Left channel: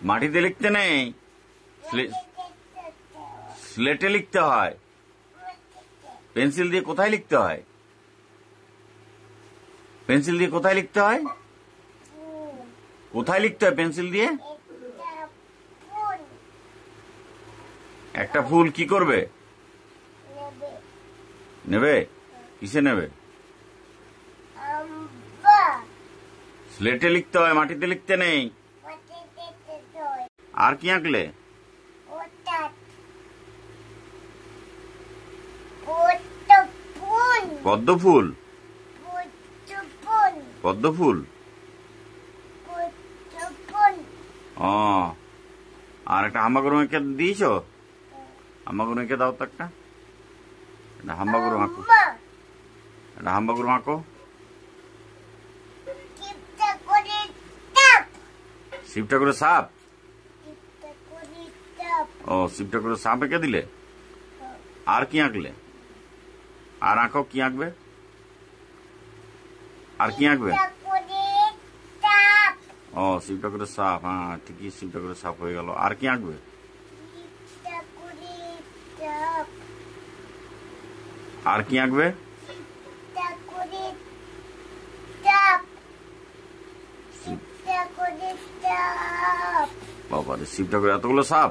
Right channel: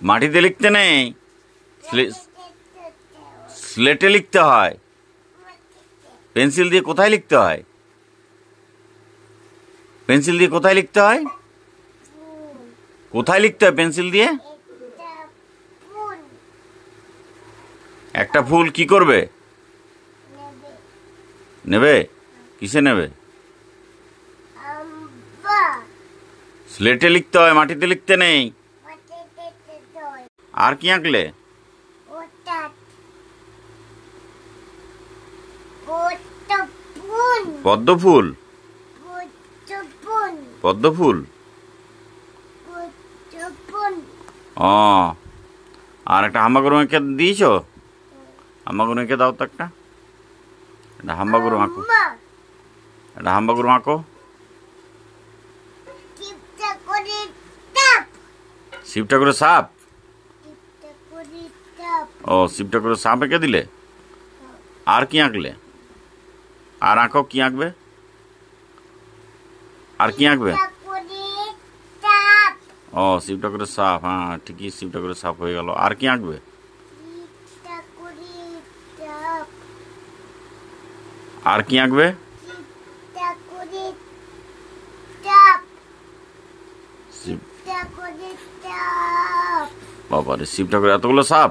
মাটিতে লিখতে নেই, স্লেটে লিখতে হয়। পেন্সিল দিয়ে কোথায় লিখতে হয়? পেন্সিল দিয়ে কোথায় লিখতে হয়? কোথায় লিখতে হয় পেন্সিল দিয়ে? একটা ফুল কি করবে? নেবে। কিসে নেবে? স্লেটে লিখতে হয়, মাটিতে লিখতে নেই। আর কি আঁকলে? পদ্ম ফুল। পদ্ম ফুল। ও, আর একটা হাম্বাগুরু এঁকে দিয়েছ? হাম্বাগুরু এঁকে দাও তো একটা। হাম্বাগুরু আঁকো, একটা হাম্বাগুরু আঁকো। শিব ঠাকুরের সাপ। ও, শিব ঠাকুরের সাপ এঁকে দিলে। আর কি আঁকলে? আর আঁকো, কি আঁকবে? আর কি আঁকবে? ও, শিব ঠাকুরের সাপ। হ্যাঁ ঠিকই, শিব ঠাকুরের সাপ হয়ে গেল। আর কি আঁকবে? আর কি আঁকবে? বাবা রে, শিব ঠাকুর এতগুলো সাপ!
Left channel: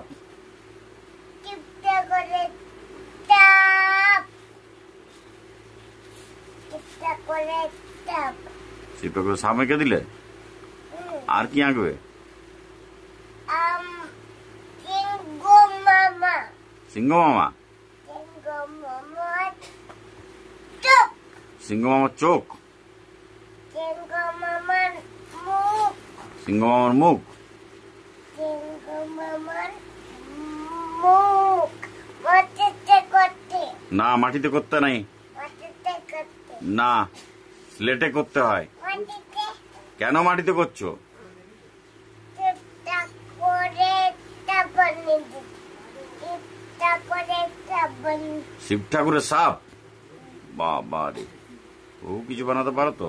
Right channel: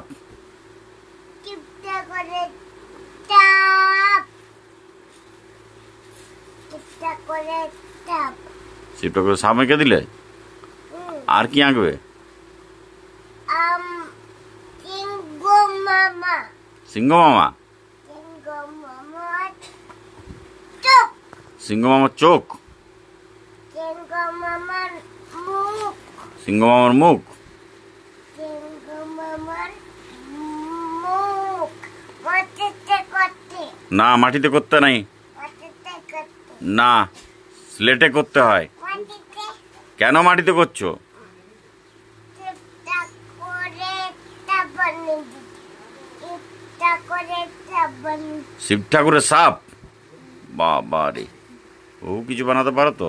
শিব ঠাকুরের সাপ এঁকে দিলে। আর কি আঁকবে? সিংহ মামা। সিংহ মামার চোখ। সিংহ মামার মুখ। না, মাটিতে করতে নাই। না, স্লেটে করতে হয়। কেন মাটিতে করছো? শিব ঠাকুরের সাপ। বাবা রে, ও কিছু বানাতে পারো তো।